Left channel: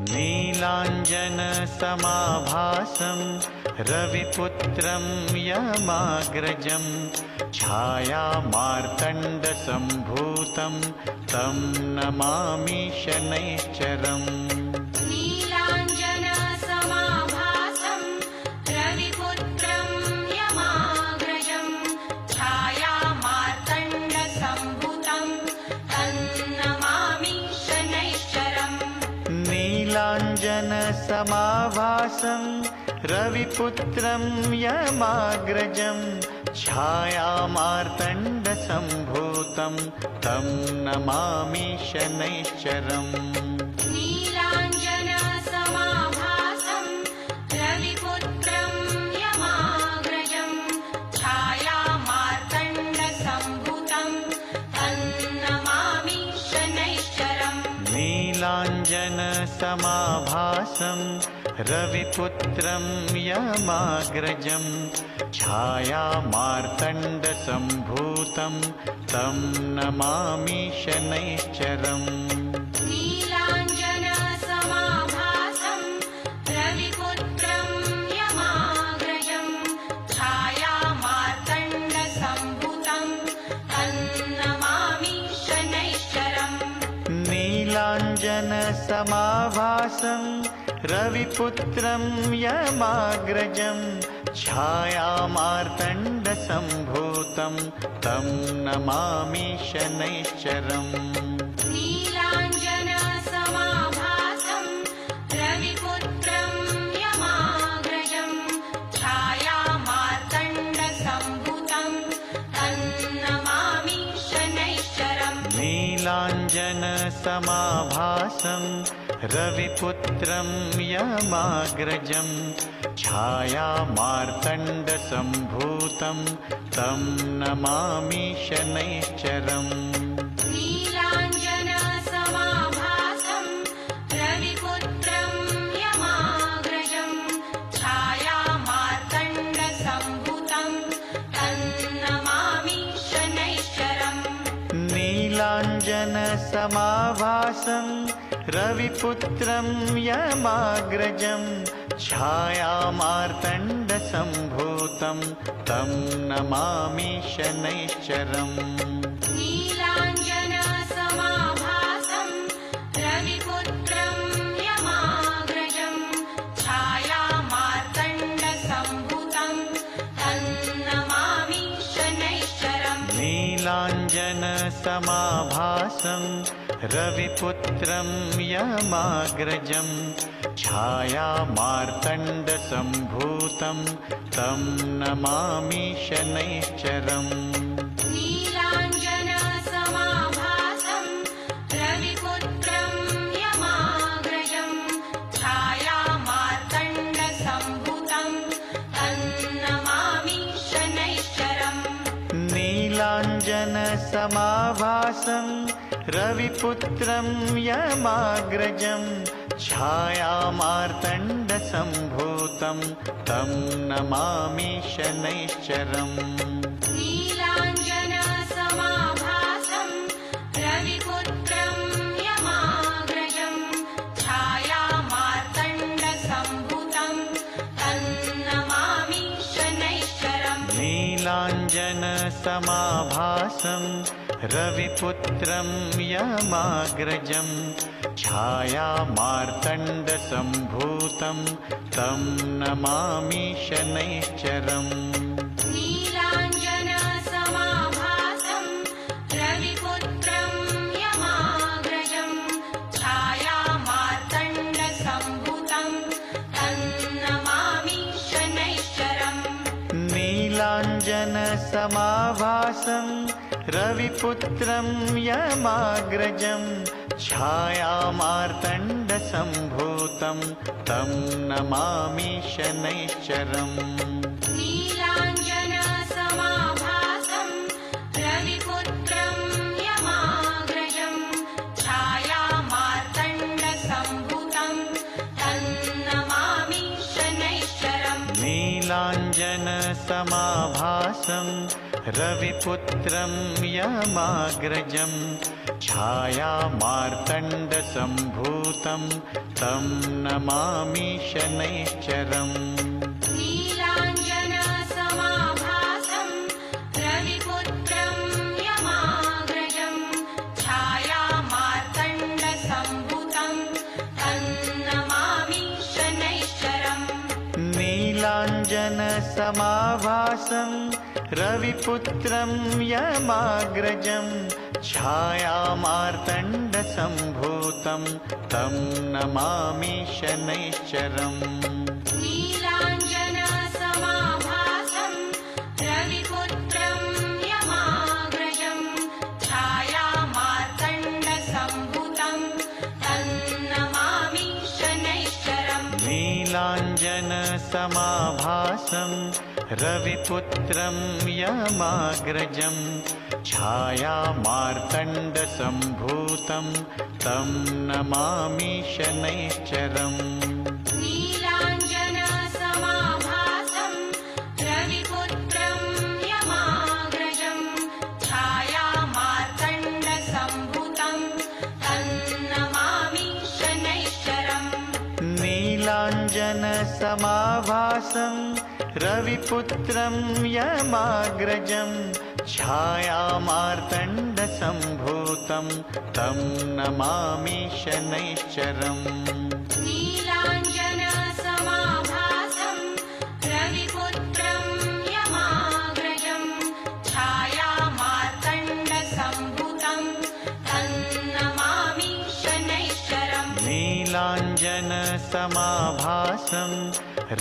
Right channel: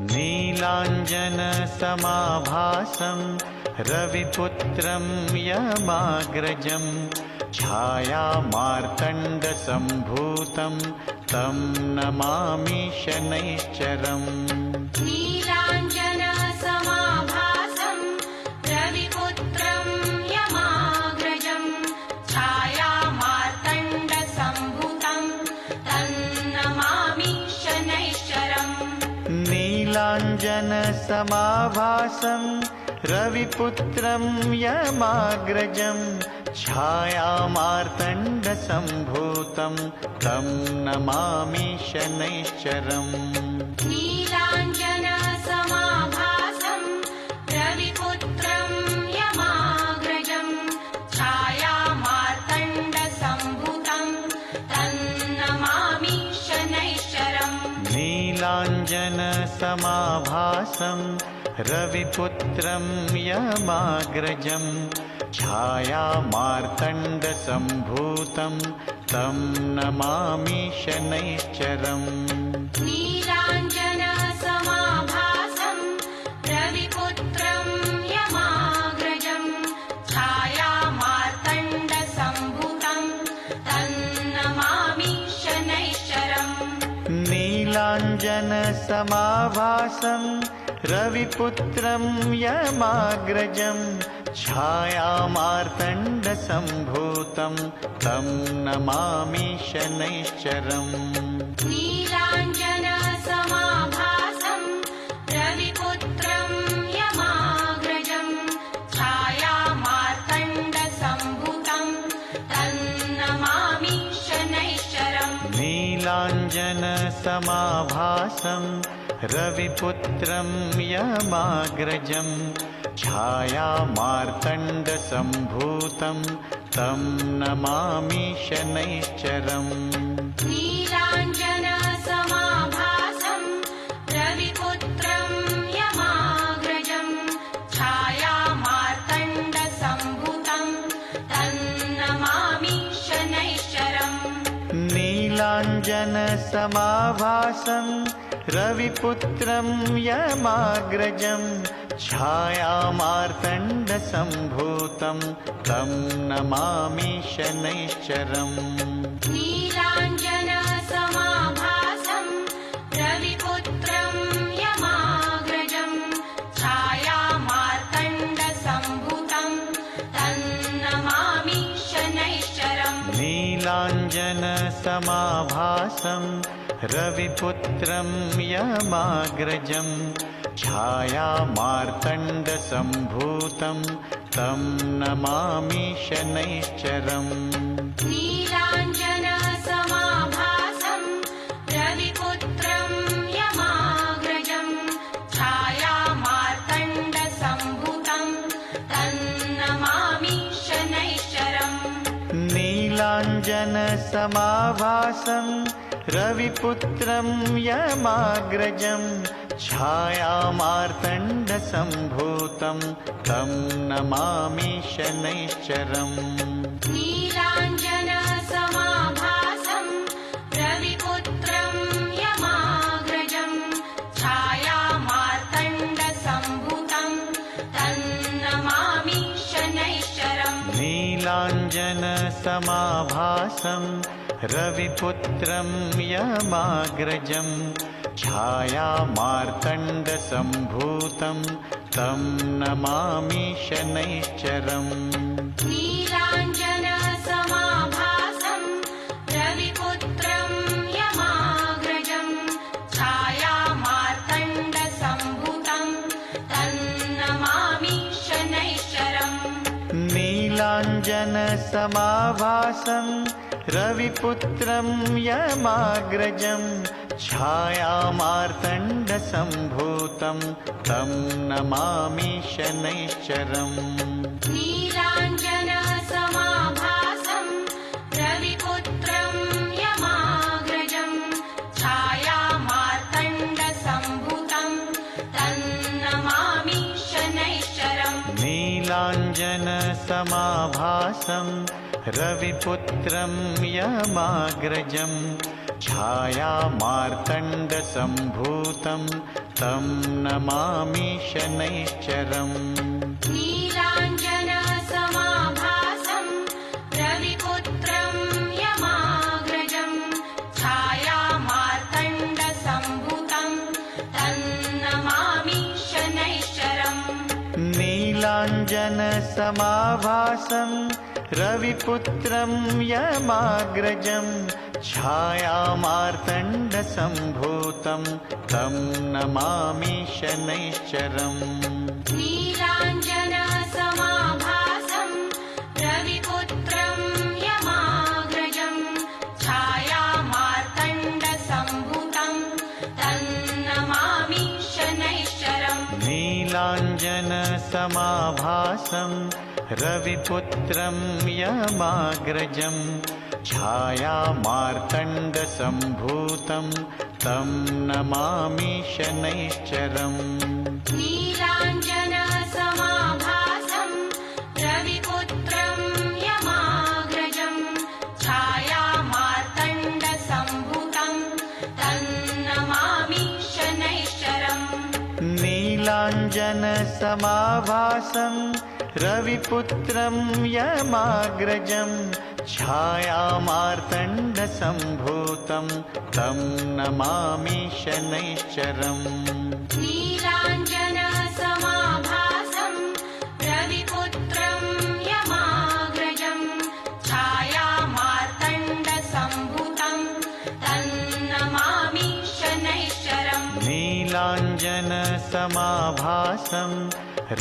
नीलाञ्जनसमाभासं रविपुत्रं यमाग्रजं छायामार्तण्डसम्भूतं तं नमामि शनैश्चरम्। नीलाञ्जनसमाभासं रविपुत्रं यमाग्रजं छायामार्तण्डसम्भूतं तं नमामि शनैश्चरम्। नीलाञ्जनसमाभासं रविपुत्रं यमाग्रजं छायामार्तण्डसम्भूतं तं नमामि शनैश्चरम्। नीलाञ्जनसमाभासं रविपुत्रं यमाग्रजं छायामार्तण्डसम्भूतं तं नमामि शनैश्चरम्। नीलाञ्जनसमाभासं रविपुत्रं यमाग्रजं छायामार्तण्डसम्भूतं तं नमामि शनैश्चरम्। नीलाञ्जनसमाभासं रविपुत्रं यमाग्रजं छायामार्तण्डसम्भूतं तं नमामि शनैश्चरम्। नीलाञ्जनसमाभासं रविपुत्रं यमाग्रजं छायामार्तण्डसम्भूतं तं नमामि शनैश्चरम्। नीलाञ्जनसमाभासं रविपुत्रं यमाग्रजं छायामार्तण्डसम्भूतं तं नमामि शनैश्चरम्। नीलाञ्जनसमाभासं रविपुत्रं यमाग्रजं छायामार्तण्डसम्भूतं तं नमामि शनैश्चरम्। नीलाञ्जनसमाभासं रविपुत्रं यमाग्रजं छायामार्तण्डसम्भूतं तं नमामि शनैश्चरम्। नीलाञ्जनसमाभासं रविपुत्रं यमाग्रजं छायामार्तण्डसम्भूतं तं नमामि शनैश्चरम् नीलाञ्जनसमाभासं रविपुत्रं यमाग्रजं छायामार्तण्डसम्भूतं तं नमामि शनैश्चरम् नीलाञ्जनसमाभासं रविपुत्रं यमाग्रजं छायामार्तण्डसम्भूतं तं नमामि शनैश्चरम् नीलाञ्जनसमाभासं रविपुत्रं यमाग्रजं छायामार्तण्डसम्भूतं तं नमामि शनैश्चरम् नीलाञ्जनसमाभासं रविपुत्रं यमाग्रजं छायामार्तण्डसम्भूतं तं नमामि शनैश्चरम् नीलाञ्जनसमाभासं रविपुत्रं यमाग्रजं छायामार्तण्डसम्भूतं तं नमामि शनैश्चरम् नीलाञ्जनसमाभासं रविपुत्रं यमाग्रजं छायामार्तण्डसम्भूतं तं नमामि शनैश्चरम् नीलाञ्जनसमाभासं रविपुत्रं यमाग्रजं छायामार्तण्डसम्भूतं तं नमामि शनैश्चरम् नीलाञ्जनसमाभासं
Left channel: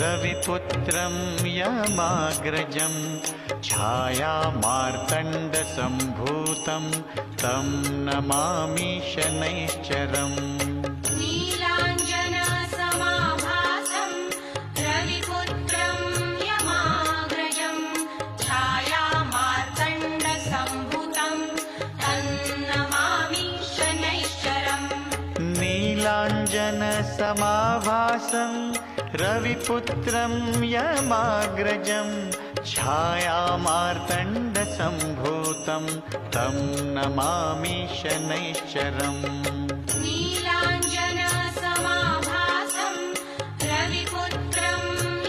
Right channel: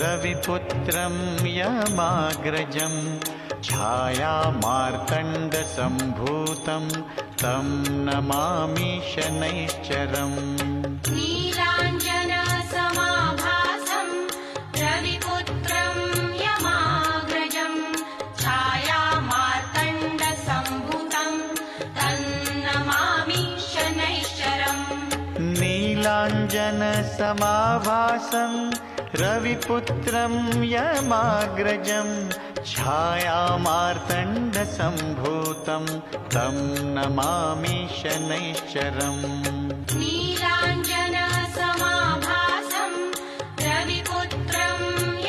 रविपुत्रं यमाग्रजं छायामार्तण्डसम्भूतं तं नमामि शनैश्चरम् नीलाञ्जनसमाभासं रविपुत्रं यमाग्रजं छायामार्तण्डसम्भूतं तं नमामि शनैश्चरम् नीलाञ्जनसमाभासं रविपुत्रं यमाग्रजं छायामार्तण्डसम्भूतं तं नमामि शनैश्चरम् नीलाञ्जनसमाभासं रविपुत्रं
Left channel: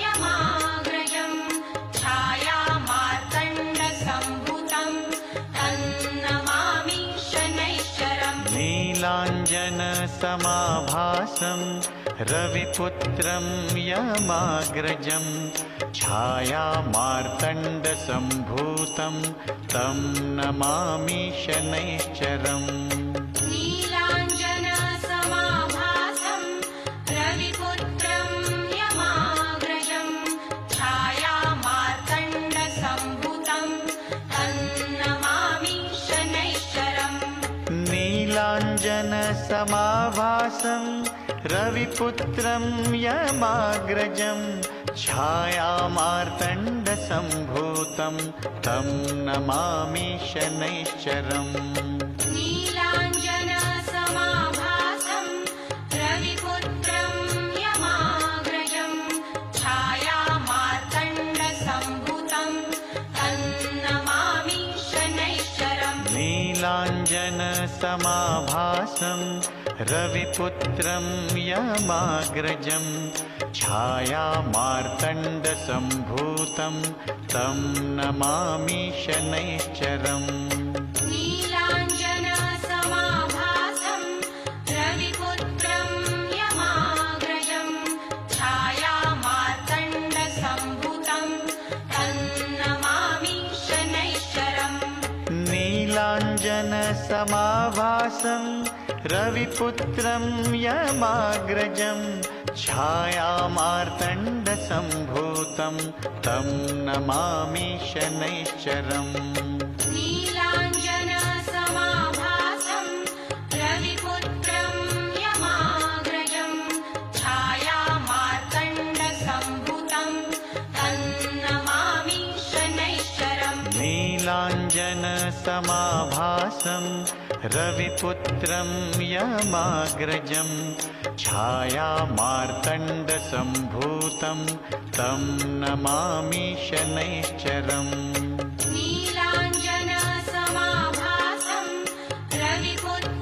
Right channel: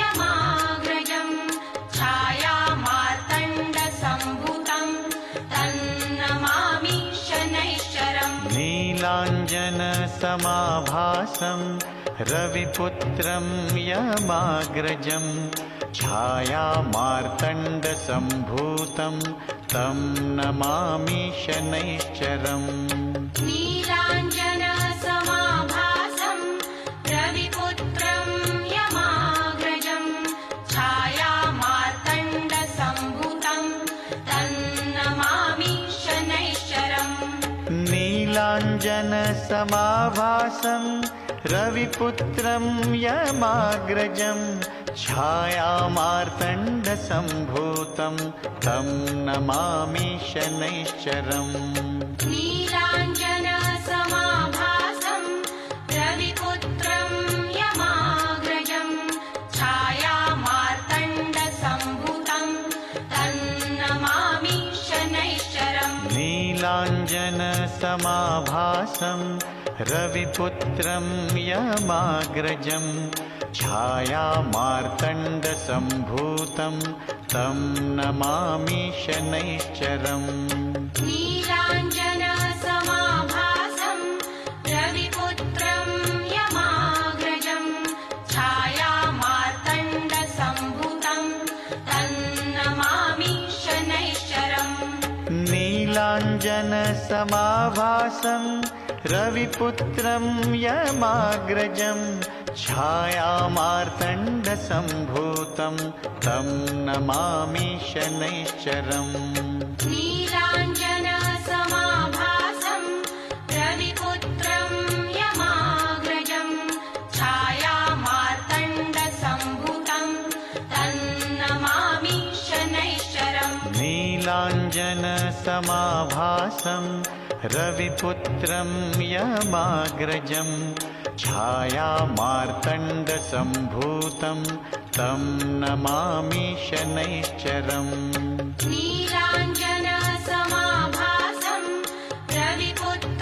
यमाग्रजं छायामार्तण्डसम्भूतं तं नमामि शनैश्चरम् नीलाञ्जनसमाभासं रविपुत्रं यमाग्रजं छायामार्तण्डसम्भूतं तं नमामि शनैश्चरम् नीलाञ्जनसमाभासं रविपुत्रं यमाग्रजं छायामार्तण्डसम्भूतं तं नमामि शनैश्चरम् नीलाञ्जनसमाभासं रविपुत्रं यमाग्रजं छायामार्तण्डसम्भूतं तं नमामि शनैश्चरम् नीलाञ्जनसमाभासं रविपुत्रं यमाग्रजं छायामार्तण्डसम्भूतं तं नमामि शनैश्चरम् नीलाञ्जनसमाभासं रविपुत्रं यमाग्रजं छायामार्तण्डसम्भूतं तं नमामि शनैश्चरम् नीलाञ्जनसमाभासं रविपुत्रं यमाग्रजं छायामार्तण्डसम्भूतं तं नमामि शनैश्चरम् नीलाञ्जनसमाभासं रविपुत्रं यमाग्रजं छायामार्तण्डसम्भूतं तं नमामि शनैश्चरम् नीलाञ्जनसमाभासं रविपुत्रं यमाग्रजं छायामार्तण्डसम्भूतं तं नमामि शनैश्चरम् नीलाञ्जनसमाभासं रविपुत्रं यमाग्रजं छायामार्तण्डसम्भूतं तं नमामि शनैश्चरम् नीलाञ्जनसमाभासं रविपुत्रं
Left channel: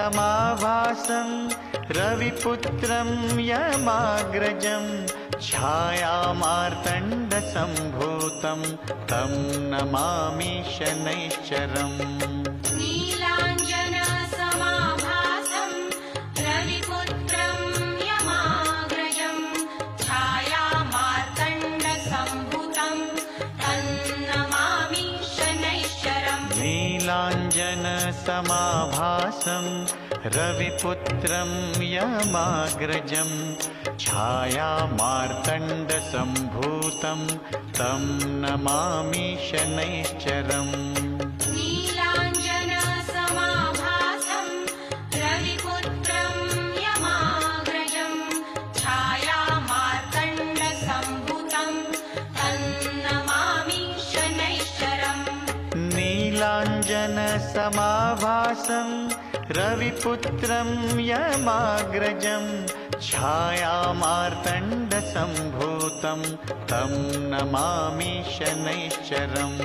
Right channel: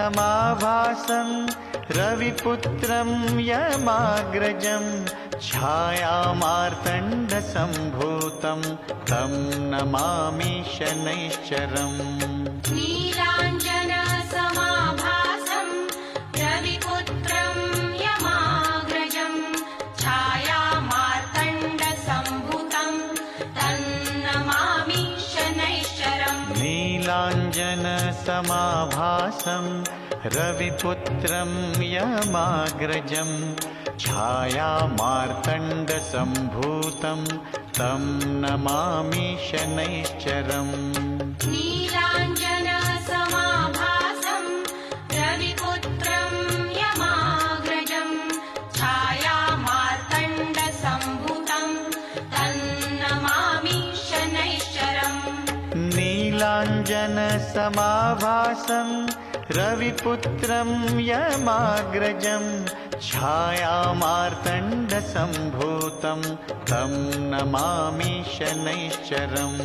नीलाञ्जनसमाभासं रविपुत्रं यमाग्रजं छायामार्तण्डसम्भूतं तं नमामि शनैश्चरम् नीलाञ्जनसमाभासं रविपुत्रं यमाग्रजं छायामार्तण्डसम्भूतं तन्नमामि शनैश्चरम् नीलाञ्जनसमाभासं रविपुत्रं यमाग्रजं छायामार्तण्डसम्भूतं तं नमामि शनैश्चरम् नीलाञ्जनसमाभासं रविपुत्रं यमाग्रजं छायामार्तण्डसम्भूतं तन्नमामि शनैश्चरम् नीलाञ्जनसमाभासं रविपुत्रं यमाग्रजं छायामार्तण्डसम्भूतं तं नमामि शनैश्चरम्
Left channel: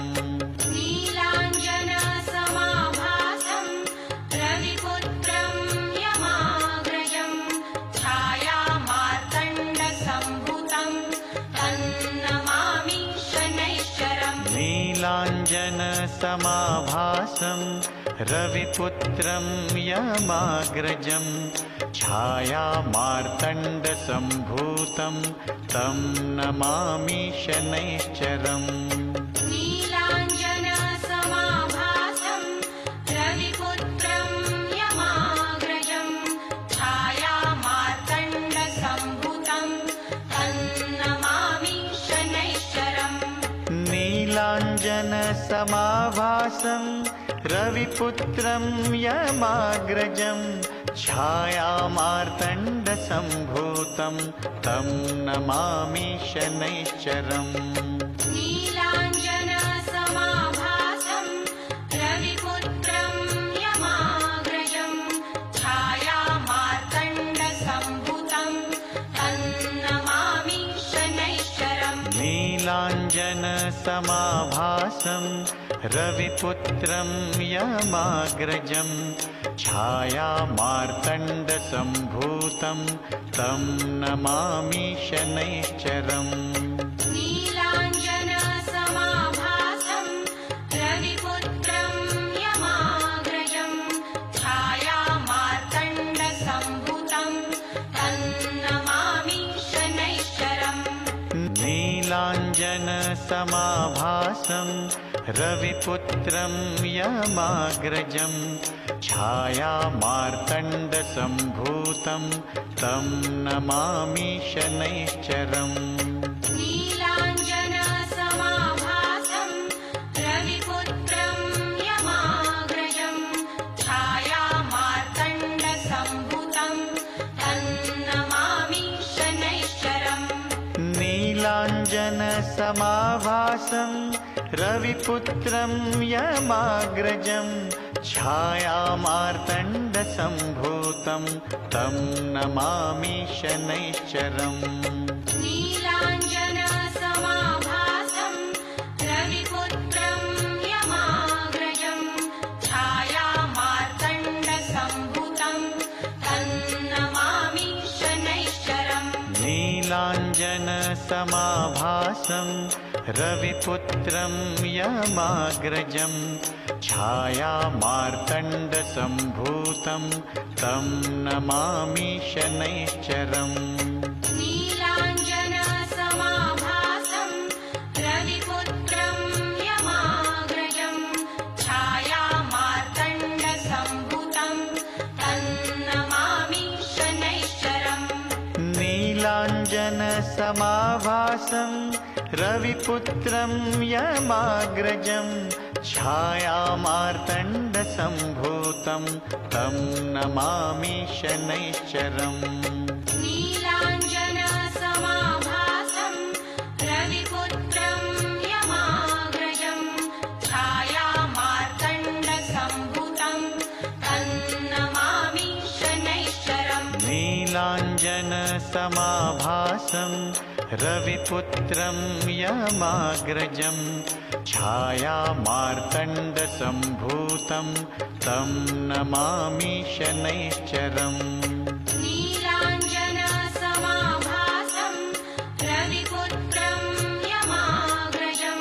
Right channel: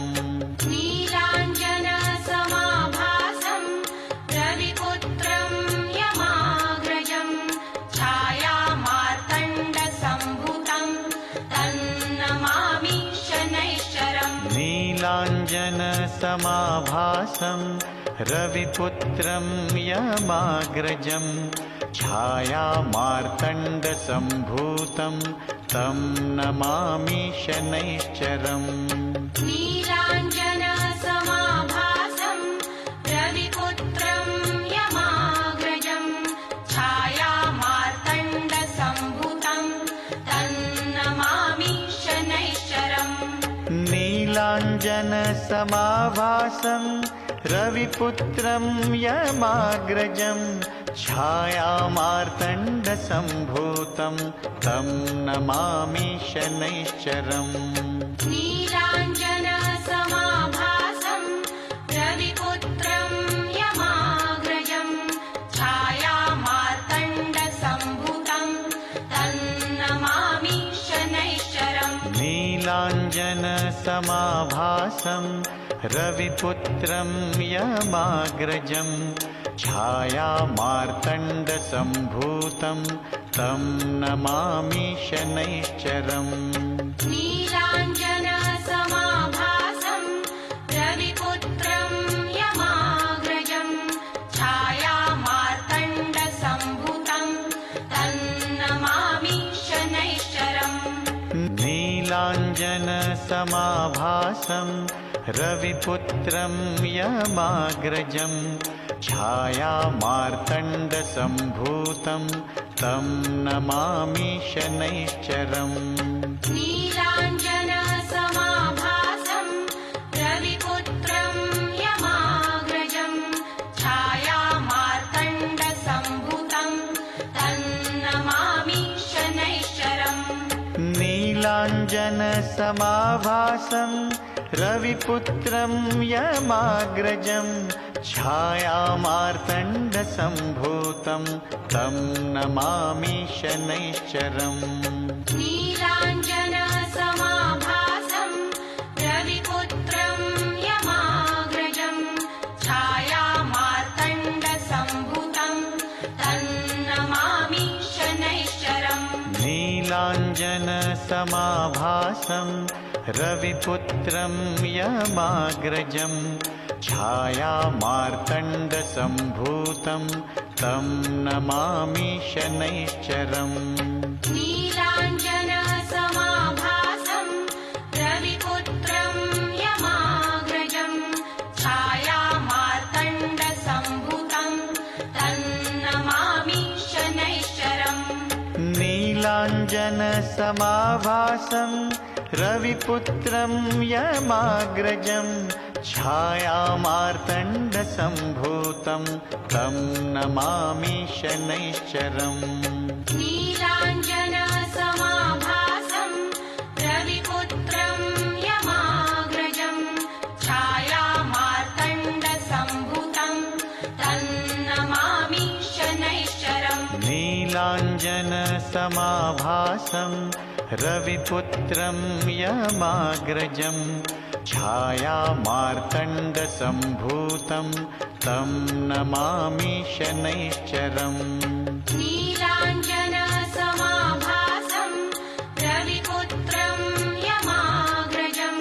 नीलाञ्जनसमाभासं रविपुत्रं यमाग्रजं छायामार्तण्डसम्भूतं तन्नमामि शनैश्चरम् नीलाञ्जनसमाभासं रविपुत्रं यमाग्रजं छायामार्तण्डसम्भूतं तं नमामि शनैश्चरम् नीलाञ्जनसमाभासं रविपुत्रं यमाग्रजं छायामार्तण्डसम्भूतं तन्नमामि शनैश्चरम् नीलाञ्जनसमाभासं रविपुत्रं यमाग्रजं छायामार्तण्डसम्भूतं तं नमामि शनैश्चरम् नीलाञ्जनसमाभासं रविपुत्रं यमाग्रजं छायामार्तण्डसम्भूतं तन्नमामि शनैश्चरम् नीलाञ्जनसमाभासं रविपुत्रं यमाग्रजं छायामार्तण्डसम्भूतं तं नमामि शनैश्चरम् नीलाञ्जनसमाभासं रविपुत्रं यमाग्रजं छायामार्तण्डसम्भूतं तन्नमामि शनैश्चरम् नीलाञ्जनसमाभासं रविपुत्रं यमाग्रजं छायामार्तण्डसम्भूतं तं नमामि शनैश्चरम् नीलाञ्जनसमाभासं रविपुत्रं यमाग्रजं छायामार्तण्डसम्भूतं तन्नमामि शनैश्चरम् नीलाञ्जनसमाभासं रविपुत्रं यमाग्रजं छायामार्तण्डसम्भूतं तं नमामि शनैश्चरम् नीलाञ्जनसमाभासं रविपुत्रं यमाग्रजं छायामार्तण्डसम्भूतं तन्नमामि शनैश्चरम् नीलाञ्जनसमाभासं रविपुत्रं यमाग्रजं छायामार्तण्डसम्भूतं तं नमामि शनैश्चरम् नीलाञ्जनसमाभासं रविपुत्रं यमाग्रजं छायामार्तण्डसम्भूतं तन्नमामि शनैश्चरम् नीलाञ्जनसमाभासं रविपुत्रं यमाग्रजं छायामार्तण्डसम्भूतं तं नमामि शनैश्चरम् नीलाञ्जनसमाभासं रविपुत्रं यमाग्रजं छायामार्तण्डसम्भूतं तन्नमामि शनैश्चरम् नीलाञ्जनसमाभासं रविपुत्रं यमाग्रजं छायामार्तण्डसम्भूतं तं नमामि शनैश्चरम् नीलाञ्जनसमाभासं रविपुत्रं यमाग्रजं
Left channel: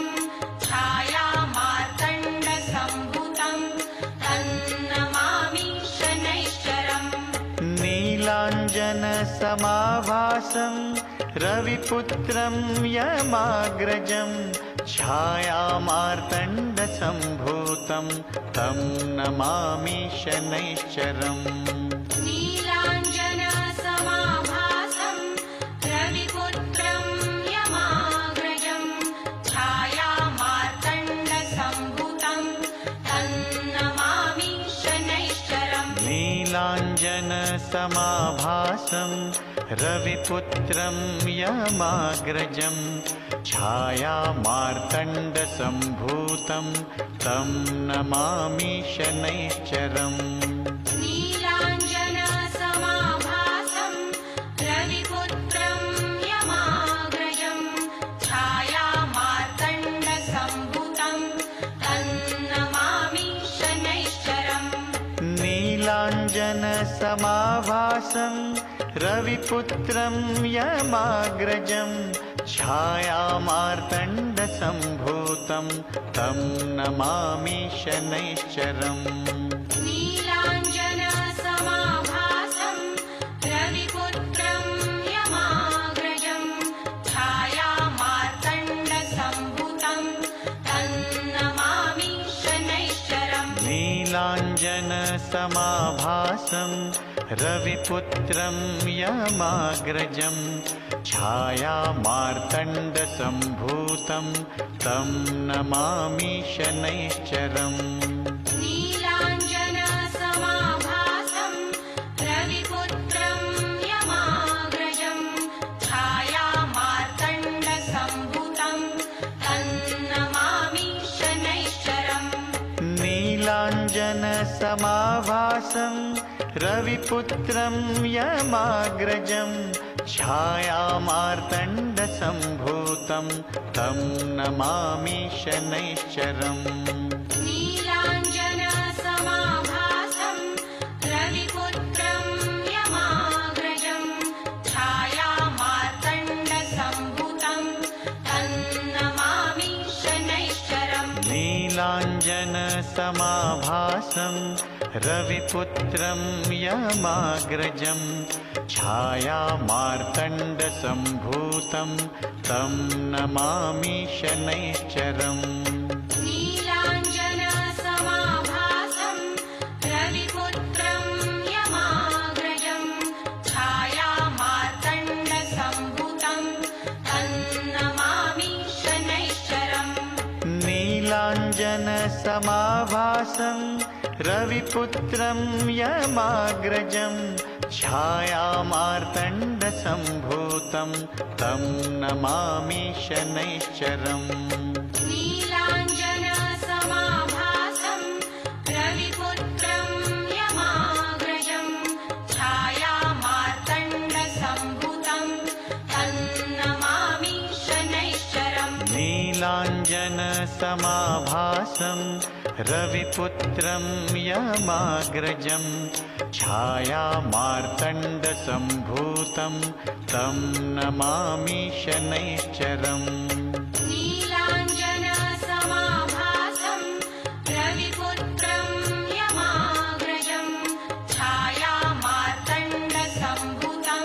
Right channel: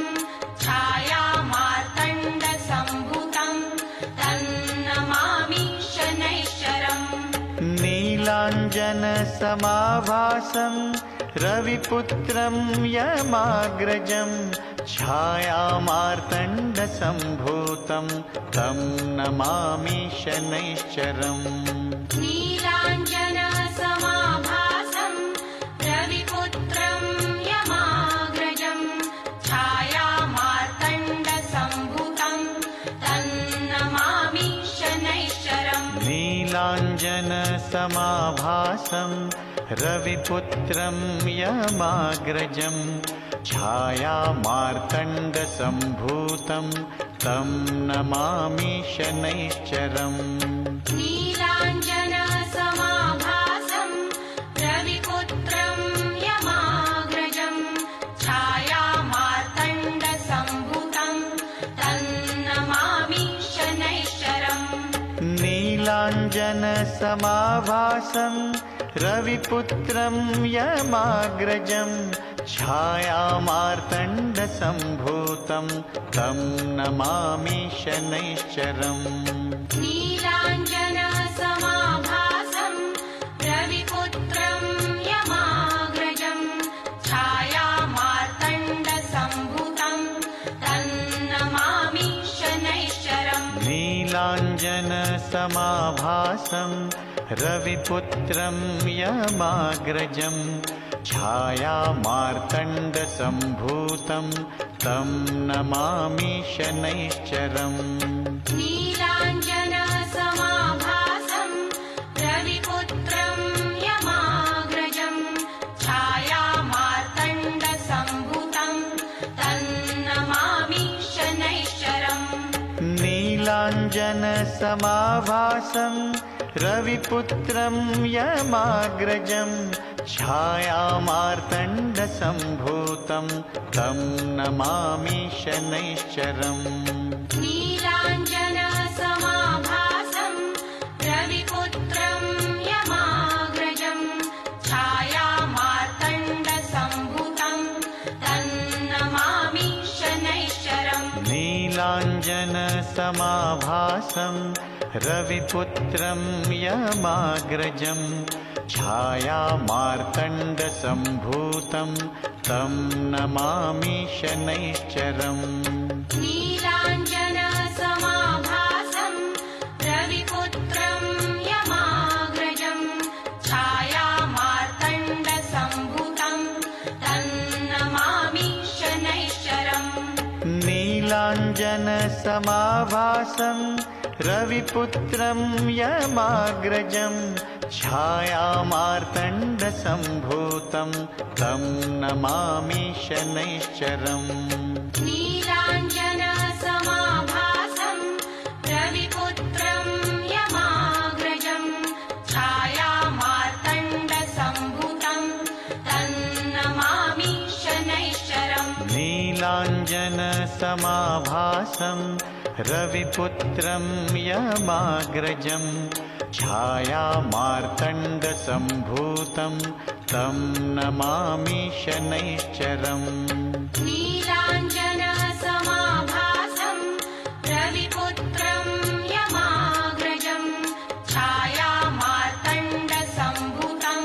छायामार्तण्डसम्भुतं तन्नमामि शनैश्चरम् नीलाञ्जनसमाभासं रविपुत्रं यमाग्रजं छायामार्तण्डसम्भूतं तं नमामि शनैश्चरम् नीलाञ्जनसमाभासं रविपुत्रं यमाग्रजं छायामार्तण्डसम्भुतं तन्नमामि शनैश्चरम् नीलाञ्जनसमाभासं रविपुत्रं यमाग्रजं छायामार्तण्डसम्भूतं तं नमामि शनैश्चरम् नीलाञ्जनसमाभासं रविपुत्रं यमाग्रजं छायामार्तण्डसम्भुतं तन्नमामि शनैश्चरम् नीलाञ्जनसमाभासं रविपुत्रं यमाग्रजं छायामार्तण्डसम्भूतं तं नमामि शनैश्चरम् नीलाञ्जनसमाभासं रविपुत्रं यमाग्रजं छायामार्तण्डसम्भुतं तन्नमामि शनैश्चरम् नीलाञ्जनसमाभासं रविपुत्रं यमाग्रजं छायामार्तण्डसम्भूतं तं नमामि शनैश्चरम् नीलाञ्जनसमाभासं रविपुत्रं यमाग्रजं छायामार्तण्डसम्भुतं तन्नमामि शनैश्चरम् नीलाञ्जनसमाभासं रविपुत्रं यमाग्रजं छायामार्तण्डसम्भूतं तं नमामि शनैश्चरम् नीलाञ्जनसमाभासं रविपुत्रं यमाग्रजं छायामार्तण्डसम्भुतं तन्नमामि शनैश्चरम् नीलाञ्जनसमाभासं रविपुत्रं यमाग्रजं छायामार्तण्डसम्भूतं तं नमामि शनैश्चरम् नीलाञ्जनसमाभासं रविपुत्रं यमाग्रजं छायामार्तण्डसम्भुतं तन्नमामि शनैश्चरम् नीलाञ्जनसमाभासं रविपुत्रं यमाग्रजं छायामार्तण्डसम्भूतं तं नमामि शनैश्चरम् नीलाञ्जनसमाभासं रविपुत्रं यमाग्रजं छायामार्तण्डसम्भुतं तन्नमामि शनैश्चरम् नीलाञ्जनसमाभासं रविपुत्रं यमाग्रजं छायामार्तण्डसम्भूतं तं नमामि शनैश्चरम् नीलाञ्जनसमाभासं रविपुत्रं यमाग्रजं छायामार्तण्डसम्भुतं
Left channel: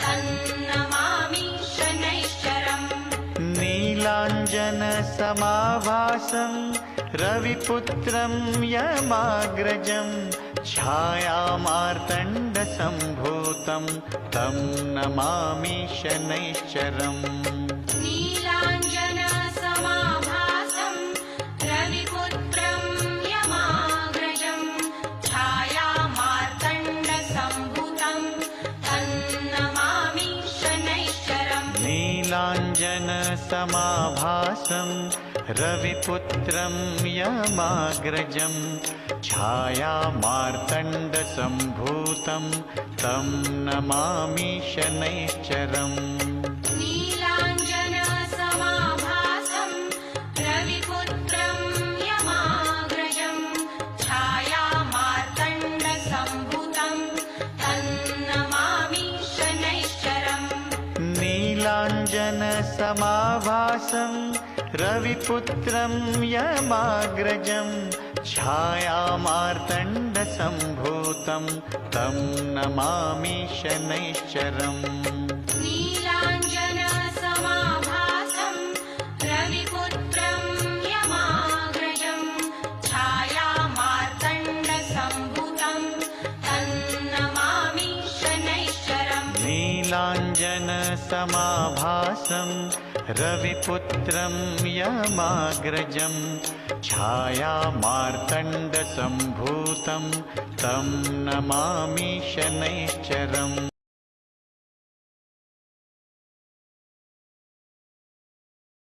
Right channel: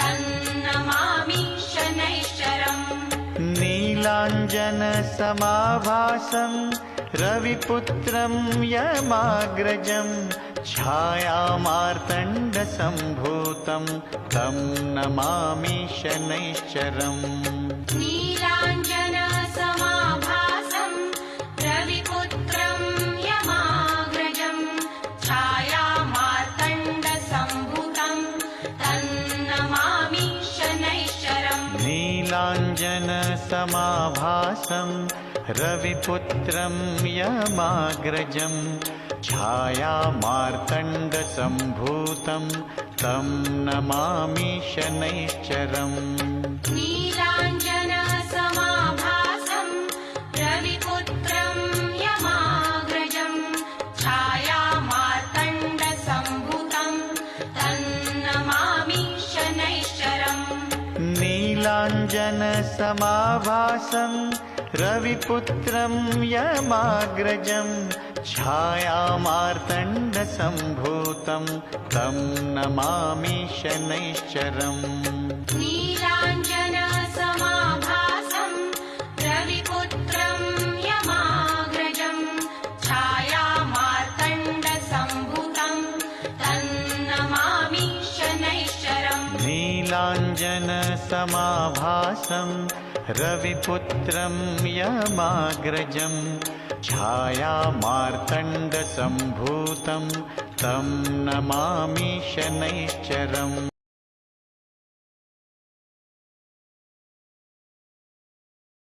तन्नमामि शनैश्चरम् नीलाञ्जनसमाभासं रविपुत्रं यमाग्रजं छायामार्तण्डसम्भूतं तं नमामि शनैश्चरम् नीलाञ्जनसमाभासं रविपुत्रं यमाग्रजं छायामार्तण्डसम्भुतं तन्नमामि शनैश्चरम् नीलाञ्जनसमाभासं रविपुत्रं यमाग्रजं छायामार्तण्डसम्भूतं तं नमामि शनैश्चरम् नीलाञ्जनसमाभासं रविपुत्रं नीलाञ्जनसमाभासं रविपुत्रं यमाग्रजं छायामार्तण्डसम्भूतं तं नमामि शनैश्चरम् नीलाञ्जनसमाभासं रविपुत्रं यमाग्रजं छायामार्तण्डसम्भूतं तन्नमामि शनैश्चरम् नीलाञ्जनसमाभासं रविपुत्रं यमाग्रजं छायामार्तण्डसम्भूतं तं नमामि शनैश्चरम्